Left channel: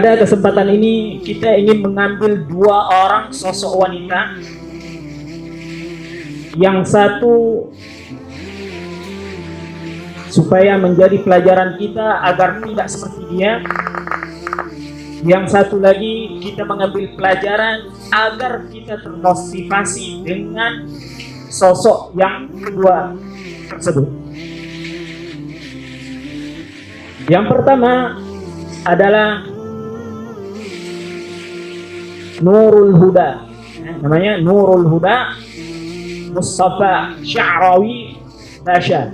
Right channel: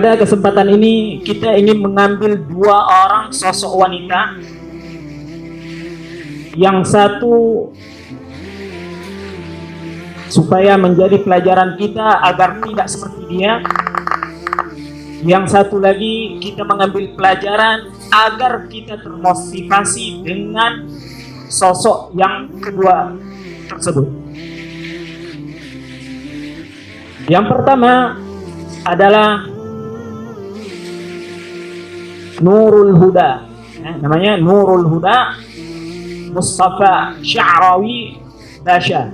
Pada kesempatan ini kita ingin mengambil dua orang sosok wanita. Yang satu supaya menjadi pelajaran kita agar tidak seperti dia. Yang satu lagi kita mengambil pelajaran agar kita termotivasi dengan sosok yang kedua tersebut. Yang pertama adalah Nurul Huda, namanya Nurul Huda Mustafa Sya'rawi Basha.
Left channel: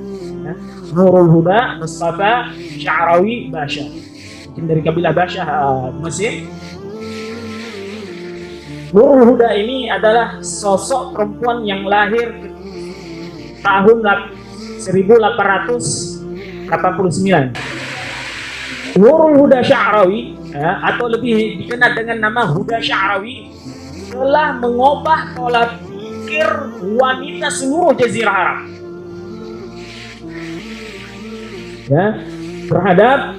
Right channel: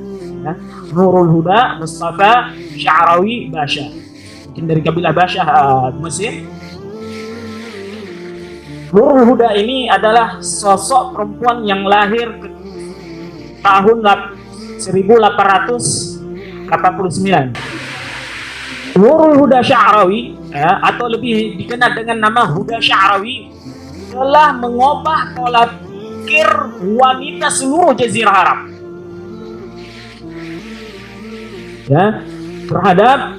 Nurul Huda Mustafa Sya'rawi Basha, mungkin dari kabilah Basha Mesir. Nurul Huda ini adalah sosok perempuan yang lahir tahun 1889. Nurul Huda Sya'rawi, atau lebih dikenal dengan nama Huda Sya'rawi, telah mengubah pola pikir wanita seluruh Jazirah Arab terhadap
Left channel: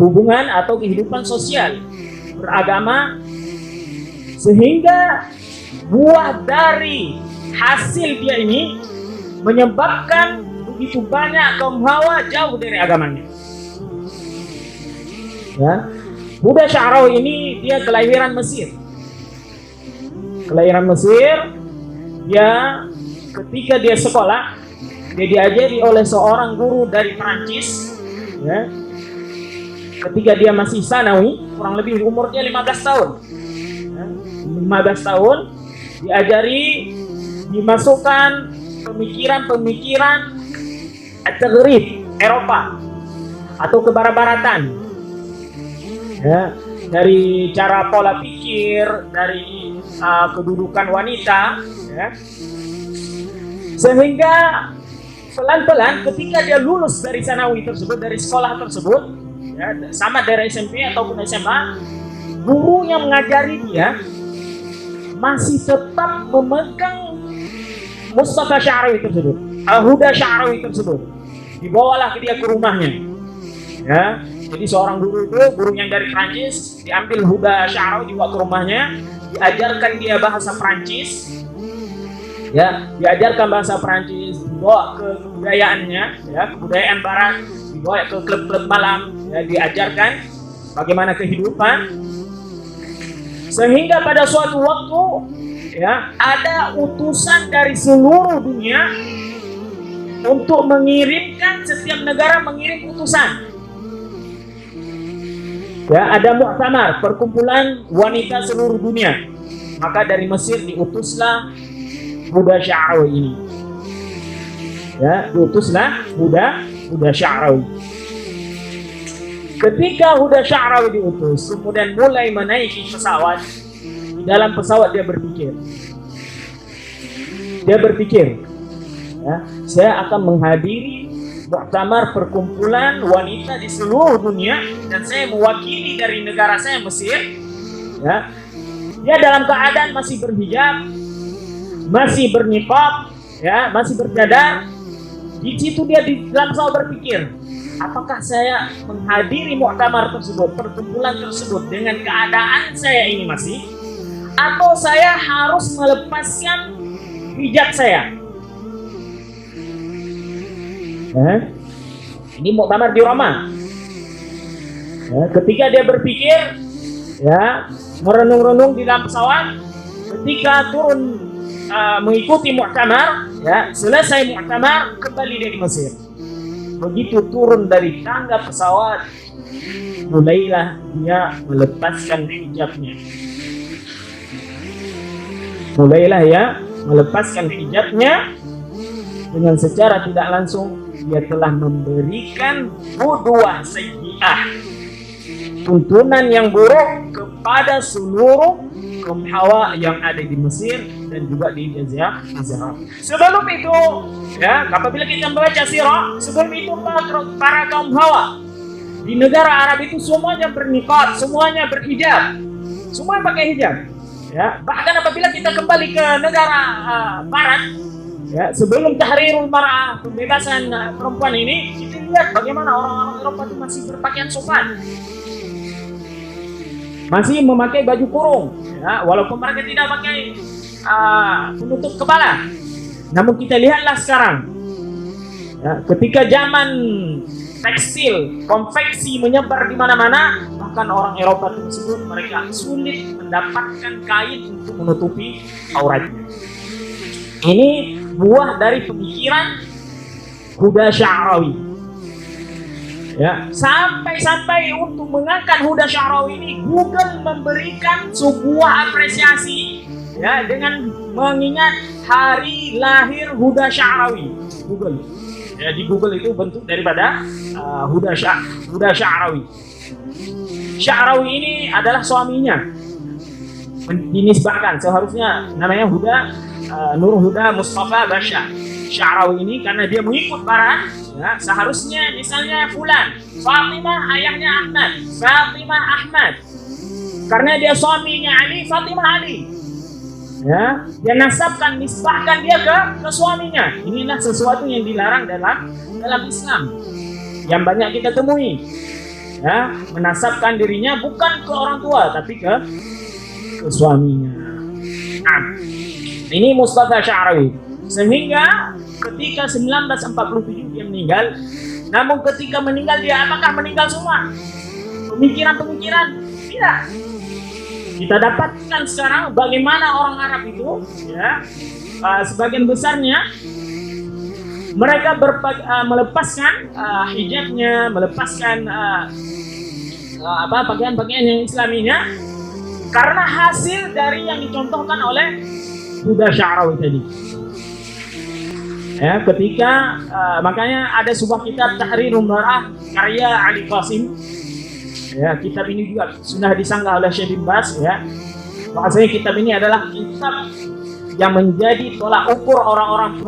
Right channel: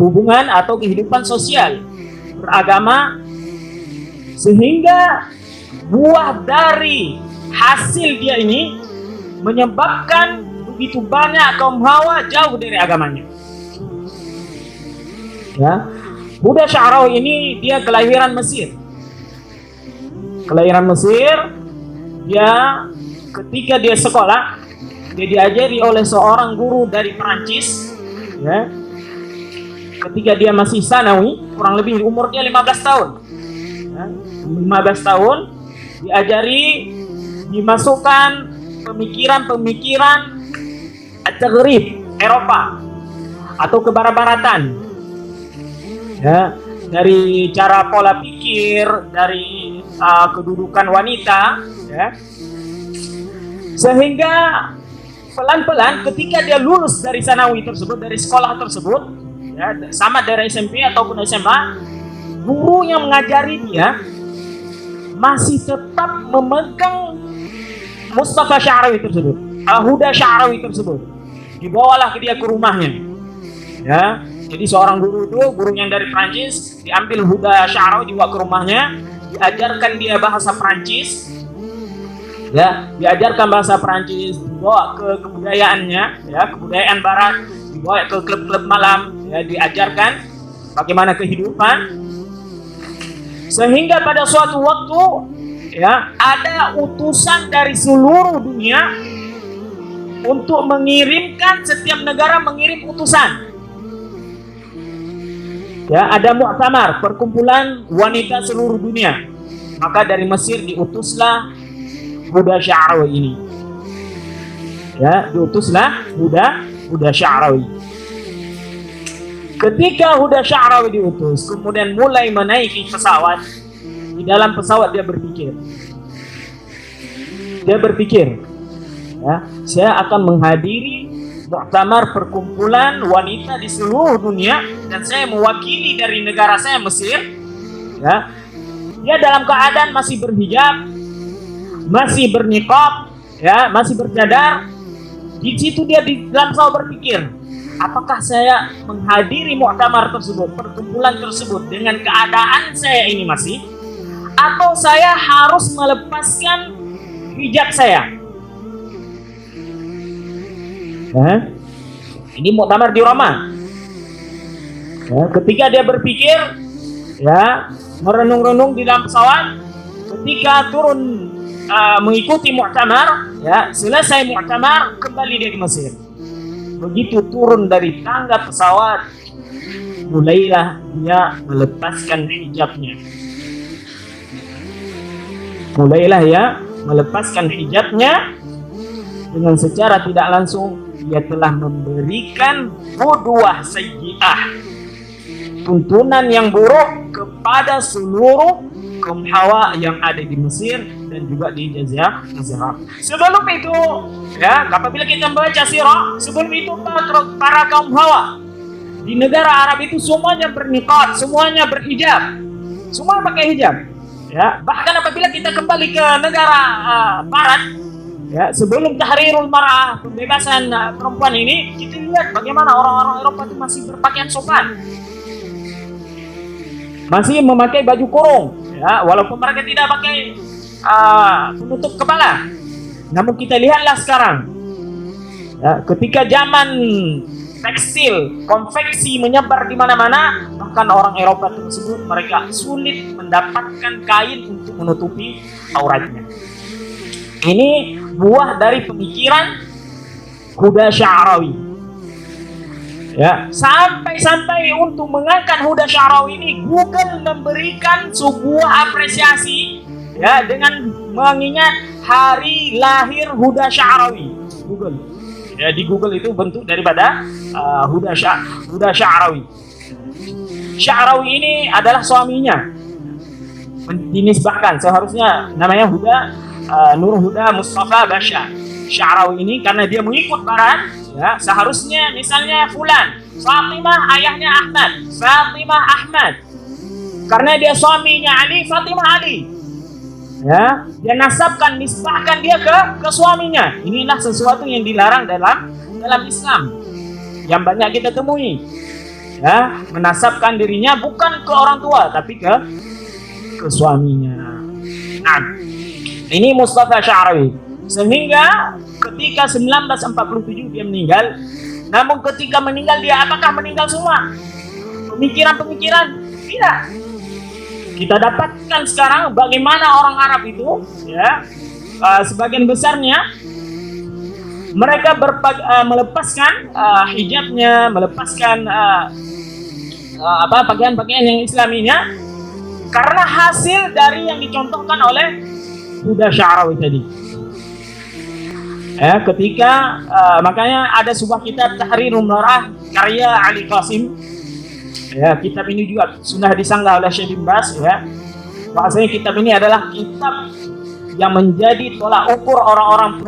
hubungan atau kehidupan sosial beragama, sehingga buah dari hasil dia ini menyebabkan begitu banyak kaum Hawa jauh dari agamanya. Huda Sya'rawi ini dia kelahiran Mesir. Dia ketika dia sekolah, dia diajari oleh seorang guru dari Perancis. Ketika dia masih sanawi, kurang lebih umur dia 15 tahun. 15 tahun diajari, dimasukkan pemikiran-pemikiran at-taghrib Eropa atau kebarat-baratan. Dari cara pola pikir, dari kedudukan wanita, sehingga pelan-pelan ketika dia lulus dari sanawi tersebut, dari sekolah tersebut, sama dari SMP ataupun SMA, guru yang mengajari dia masih tetap memegang Mustafa Sya'rawi tersebut, Huda Sya'rawi tersebut. Dibawalah ke dia ke rumahnya. Jadi seorang guru itu, guru yang dari Prancis, diambil Huda Sya'rawi, dibawa ke rumahnya, diajarkan dia bahasa Prancis, diajarkan bahasa Prancis, dibawa ke kebudayaannya, kebudayaan Barat, dibawa ke klub-klub malam, diajarkan bagaimana kehidupan, sehingga pada suatu waktu, ada utusan dari seluruh dunia untuk mengirimkan, setiap negara mengirim utusan. Ada muktamar, perkumpulan wanita seluruh dunia. Maka dari Mesir diutuslah Huda Sya'rawi ini. Diutuslah Huda Sya'rawi. Ketika Huda Sya'rawi diutus, kemudian mulai menaiki pesawat. Di dalam pesawat dia berpikir. Saya akan menghadiri muktamar perkumpulan wanita di seluruh dunia, dan saya mewakili dari negara saya, Mesir. Dia dalam keadaan masih berhijab, masih berniqab, masih bercadar. Di situ dia di dalam pesawat berpikir, apakah saya menghadiri muktamar tersebut, perkumpulan tersebut dengan keadaan saya ini masih, atau saya harus melepaskan hijab saya? Ini muktamar di Roma. Ketika dia berpikir, merenung-renung di dalam pesawat, ketika turun mengikuti muktamar, selesai muktamar, kembali dia di Mesir. Begitu turun dari tangga pesawat, mulailah dia melepaskan hijabnya. Dengan secara tidak langsung dia telah memberikan qudwah sayyi'ah, tuntunan yang buruk kepada seluruh kaum Hawa yang ada di Mesir dan juga di Jazirah Arab. Sebelum itu, apabila kita membaca sirah, sebelum itu para kaum Hawa di negara Arab itu semuanya berniqab, semuanya berhijab, semuanya pakai hijab. Bahkan apabila kita kembali ke negara Barat, sebelum tahrirul mar'ah, pembebasan perempuan ini, kita lihat bagaimana orang-orang Eropa itu masih berpakaian sopan. masih memakai baju kurung, ya, walaupun mereka tidak pakai penutup kepala. Namun kita lihatlah sekarang, ya, ketika zaman tekstil, konveksi menyebar di mana-mana, bahkan orang Eropa tersebut mereka sulit mendapatkan kain untuk menutupi auratnya. Ini buah dari pemikiran Huda Sya'rawi. Ya, sampai untuk mengangkat Huda Sya'rawi ini, Google memberikan sebuah apresiasi, ya, dengan mengingat hari lahir Huda Sya'rawi. Google, ya, di Google itu bentuk daripada Huda Sya'rawi. Sya'rawi ini adalah suaminya, dinisbahkan seharusnya namanya Huda Nur Huda Mustafa Basha. Sya'rawi ini karena dia mengikut barat, ya, seharusnya misalnya fulan Fatimah ayahnya Ahmad, Fatimah Ahmad, karena dia suaminya Ali, Fatimah Ali, ya, dia nasabkan, nisbahkan dia ke suaminya. Inilah sesuatu yang dilarang dalam Islam yang banyak kita temui, ya, menasabkan dirinya bukan ke orang tua tapi ke suaminya. Nah, ini Mustafa Sya'rawi. Sehingga ketika 1947 dia meninggal. Namun ketika meninggal dia apakah meninggal semua? Pemikiran-pemikiran? Tidak. Kita dapatkan sekarang bagaimana orang Arab itu, ya, sebagian besarnya mereka melepaskan hijabnya, melepaskan pakaian-pakaian yang Islaminya karena hasil dari yang dicontohkan oleh Huda Sya'rawi tadi. Ya, ketika makanya ada sebuah kitab Tahrirul Mar'ah karya Ali Qasim. Ya, kitab ini juga sudah disanggah oleh Syekh bin Baz, ya. Bahasanya kitab ini adalah kitab yang menjadi tolak ukur orang-orang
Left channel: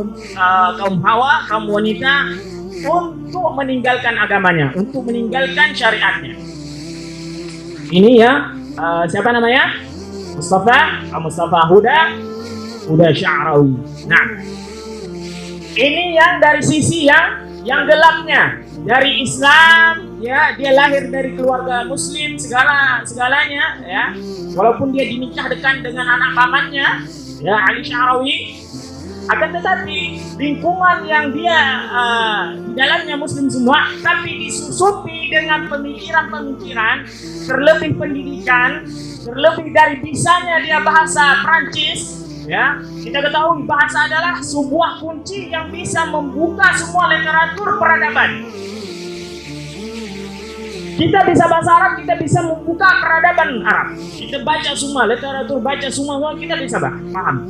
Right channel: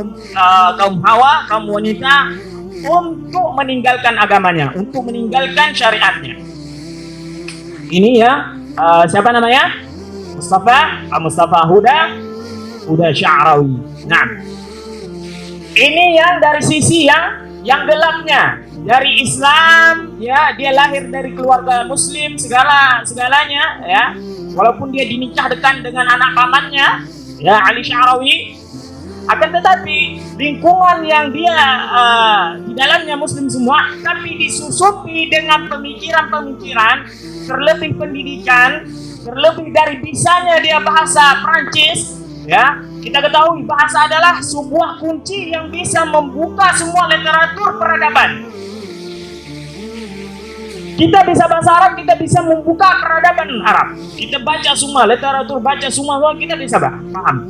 kaum hawa, kaum wanita untuk meninggalkan agamanya, untuk meninggalkan syariatnya. Ini ya, siapa namanya? Mustafa Huda Sya'rawi. Nah, ini yang dari sisi yang gelapnya, dari Islam, ya, dia lahir dari keluarga Muslim segalanya, ya, walaupun dia dinikahkan dengan anak pamannya, ya, Ali Sya'rawi, akan tetapi lingkungan yang dia di dalamnya Muslim semua, tapi disusupi dengan pemikiran-pemikiran, terlebih pendidikan, terlebih dari bisanya dia bahasa Prancis. Ya, kita ketahui bahasa adalah sebuah kunci yang bisa membuka semua literatur peradaban. Kita bisa bahasa Arab, kita bisa membuka peradaban Arab. Kita baca semua literatur, baca semua, kita bisa paham.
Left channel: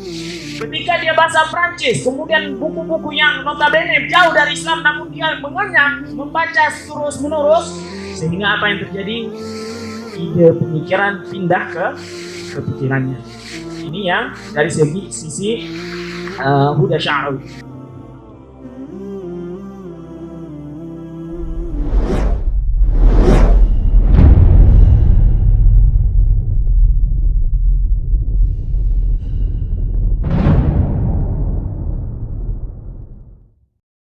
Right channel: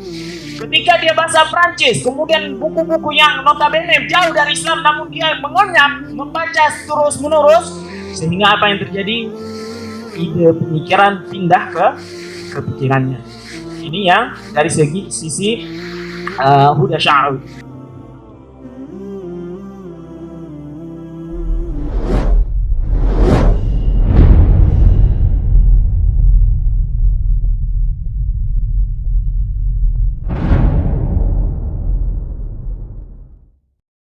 Ketika dia bahasa Prancis, kemudian buku-buku yang notabene jauh dari Islam, namun dia mengenyam, membaca terus menerus, sehingga apa yang terjadi? Ide pemikiran pindah ke pikirannya. Ini yang dari sisi Huda Sya'rawi.